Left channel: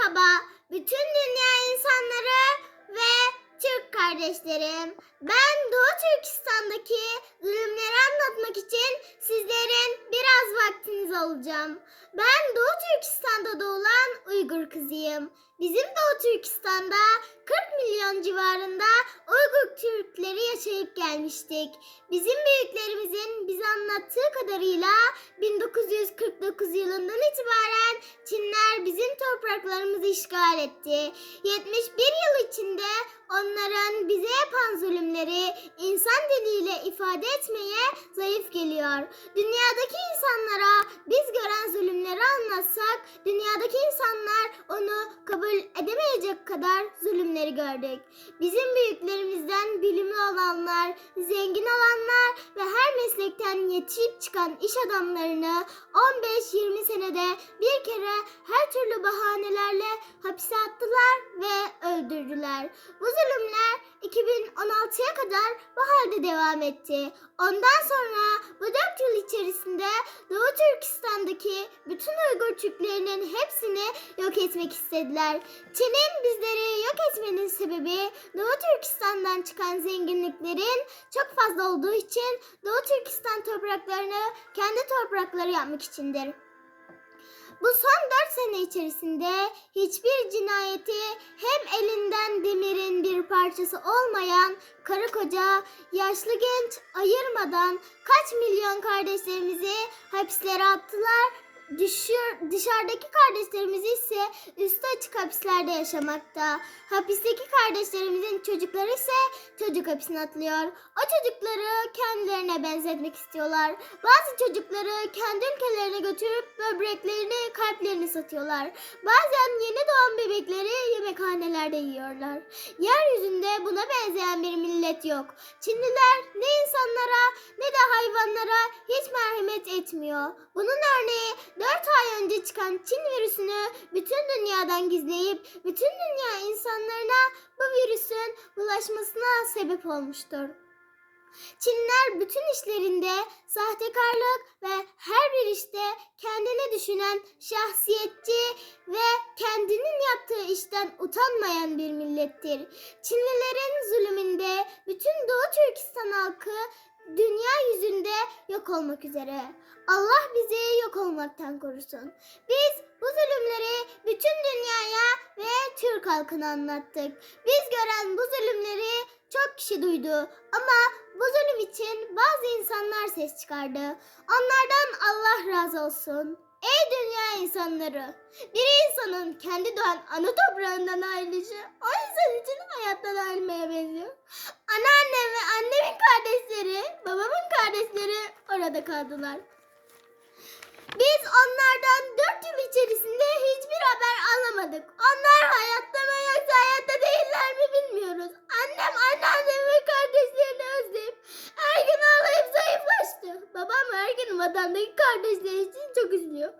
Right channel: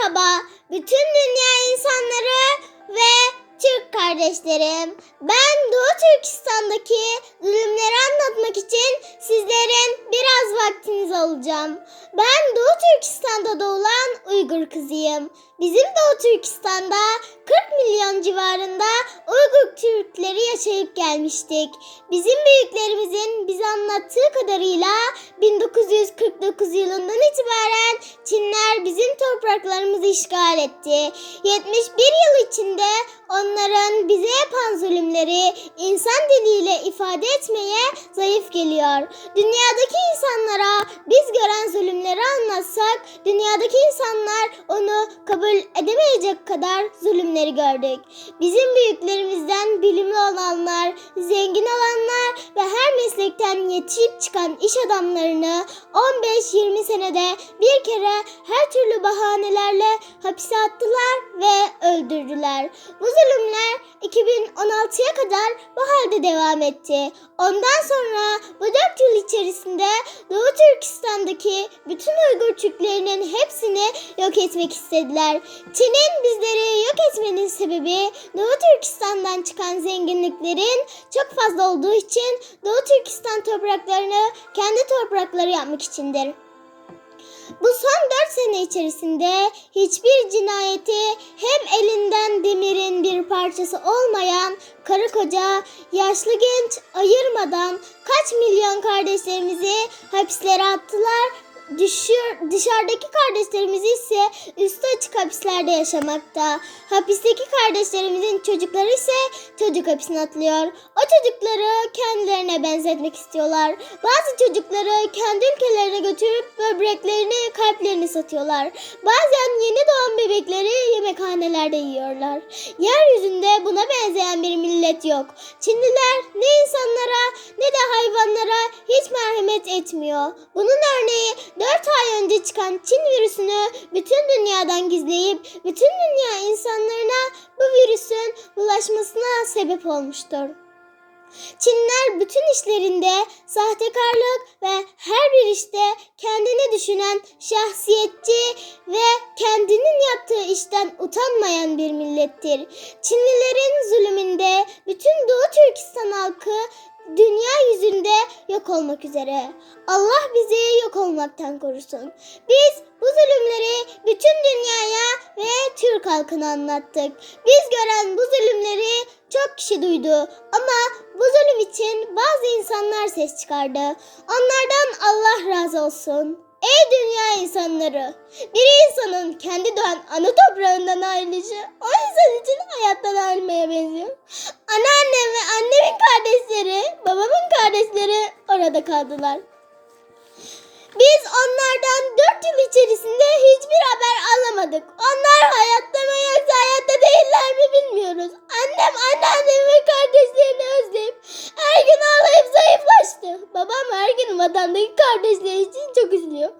Merhaba bütün dünya insanları ve Türk kardeşlerim. Ben Doğu Türkistan'daki zulümleri anlatmak için sizlerin biraz vaktiniz alacağım. Ben Doğu Türkistan'da doğulan Uygur kızıyım. Bizim Doğu Türkistan'da 40 milyon civarında Uygur Türkleri yaşayıp gelmiştik. Bizim büyüklerimizin bize anlattığı kadarıyla 1949 yılından itibaren Çinler bizim topraklarımızı işgal etti. 71 yıl içinde onların bize yapan zulümleri insan diliyle ifade etmeye zayıf geliyor. Dünyadaki insanlara biz gören zulümleri anlatsak dünyadaki insanlar onu kabul edemeyecek kadar zulümleri gördük. Bizim büyüklerimizden bilimli zengin her meslekten yetişip çıkan iş adamlarını 15-20 senede bir kere her türlü bahanelerle hapise attılar ve öldürdüler. Bu zulümler 2016'ya kadar bu halde devam etti. Ondan sonra bu 4 yıl içerisinde Doğu Türkistan'daki bütün Uygur Türklerinin hepsini yok etmek istediler. Çin'in bizleri yok etmenin sebebi Doğu Türkistan'dan çıkan zenginliklerin çok fazla olduğu için Doğu Türkistan topraklarını kendi toprakları yapmak içindir. Bu son 4 sene içerisinde hiçbir cinayeti hem elinden demirin bir parçası olmayan karı koca, yaşlı genç ayırmadan kaç milyon kardeşlerimizi hapislere attılar düşür, dışarıdaki kardeşlerimiz ise üstü açık hapislerde yaşamakta. Hapisteki kardeşlerimizin çocukları ise çocuk hapsine atılıyor. O çocukları kendilerine benzetmek istiyorlar. Bazı çocukları kendi ülkelerine götürüp böbreklerini, kalplerini satıyorlar. Bazen yeni doğan bebekleri yemekhanelerde yiyorlar. Yeryüzünde buna benzeyen bir millet yok. Çinliler ne insanlara ne de hayvanlara hiç merhamet etmiyor. Bunun örneği 4 ay önce çıkan Çin virüsünü bütün dünyadan gizleyip bütün dünya insanlarına bu virüsün bulaşmasına sebep olmuştur. Çinler bütün işlerinde sahtekarlık ve her bir işte kendini düşünen şahsiyetçi ve kendinin yaptığı işten utanmayan bir millettir. Çinlilerin zulümünde bütün Doğu Türkistan halkı dünya yüzünde yok olmak üzere. Allah bizi yok olmaktan korusun. Biz bu zulümleri bütün dünyaya ve Türk halkına anlattık. Biz gören bu zulümleri çok kişi duydu ama bu zulüm için bazı insanlar ses çıkardı. Onlardan Allah razı olsun. Ey dünya insanları! Bir insanın kendi doğan ana toprağından ayrılışı o insan için hayattan ayrılmaya benziyor. Anneannem ve annemin kardeşleri, babamın orada kaldılar. Biz onlardan dört yıl içerisinde hiçbir haber alamadık. Onlar hayatta mı yoksa hayatta değiller mi bilmiyoruz. Annem anneannemi ve kardeşlerini özleyip her gün ağlayıp zayıflaştı. Babam her gün vatandaki kardeşleri için çok üzülüyor.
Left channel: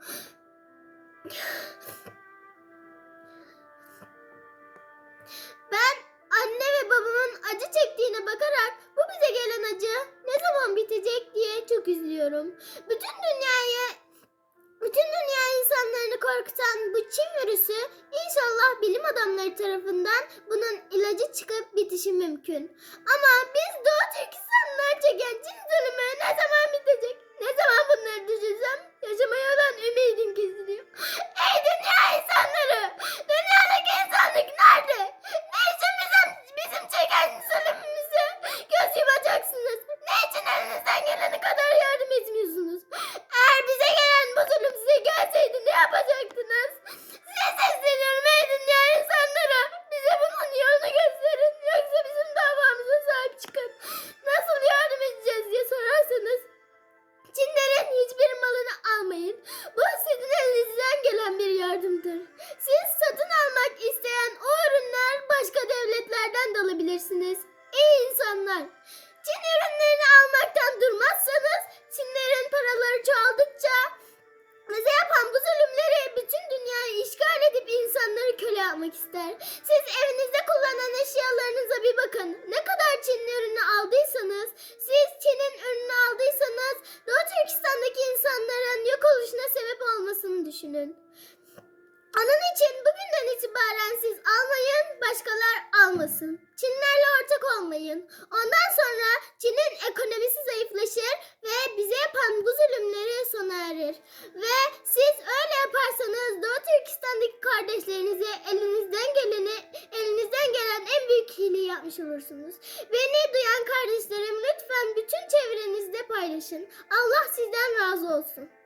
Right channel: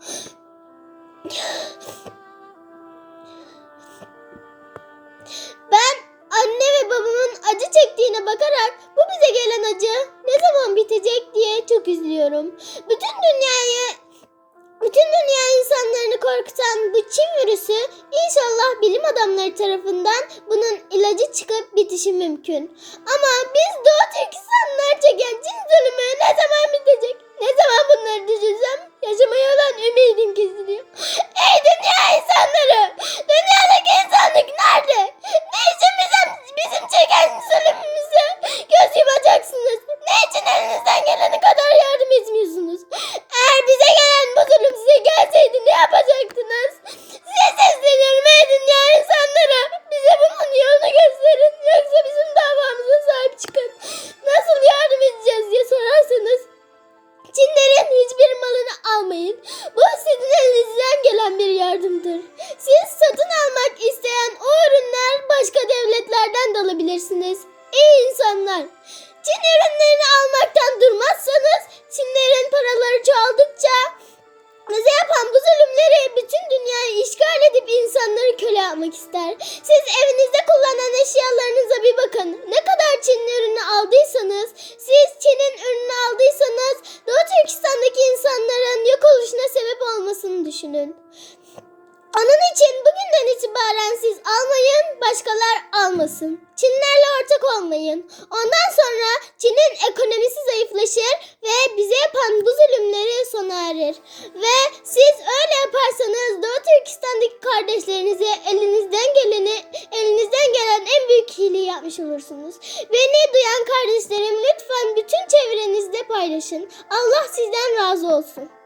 Ben anne ve babamın acı çektiğine bakarak bu bize gelen acı bitecek diye çok üzülüyorum. Bütün dünyayı bütün dünya insanlarını korkutan bu Çin virüsü inşallah bilim adamları tarafından bunun ilacı çıkıp bitişi mümkün. Ama biz Doğu Türkistanlılar çeken Çin zulümü ne zaman bitecek? İnsanlar. Çin ürünlerini almaktan durmazsanız Çinlerin paraları çoğaldıkça bize yapan bu zulümleri bütün dünyayı işgal edip insanları köle yapmak ister. Siz evinizde kullanılan eşyalarınıza bir bakın. Ne kadar Çin ürünü aldıysanız, siz Çin'in ürünü aldıysanız Doğu Türkistan'daki insanların yok oluşuna sebep olmasını düşünün. Onun için bugünden itibaren siz almayın, başkalar almasın. Çinlerle ortak olmayın. Ondan sonra Çin'in ekonomisi zayıflaşır ve bize yapan bu zulümleri sona erir. Ve siz öyle yaparsanız Doğu Türkistan'daki kardeşlerinize elinizden geleni, elinizden gelen en büyük iyiliği yapmış olursunuz. Beni duyan kardeşlerim lütfen bütün çevrenizde paylaşın. Allah sizden razı olsun.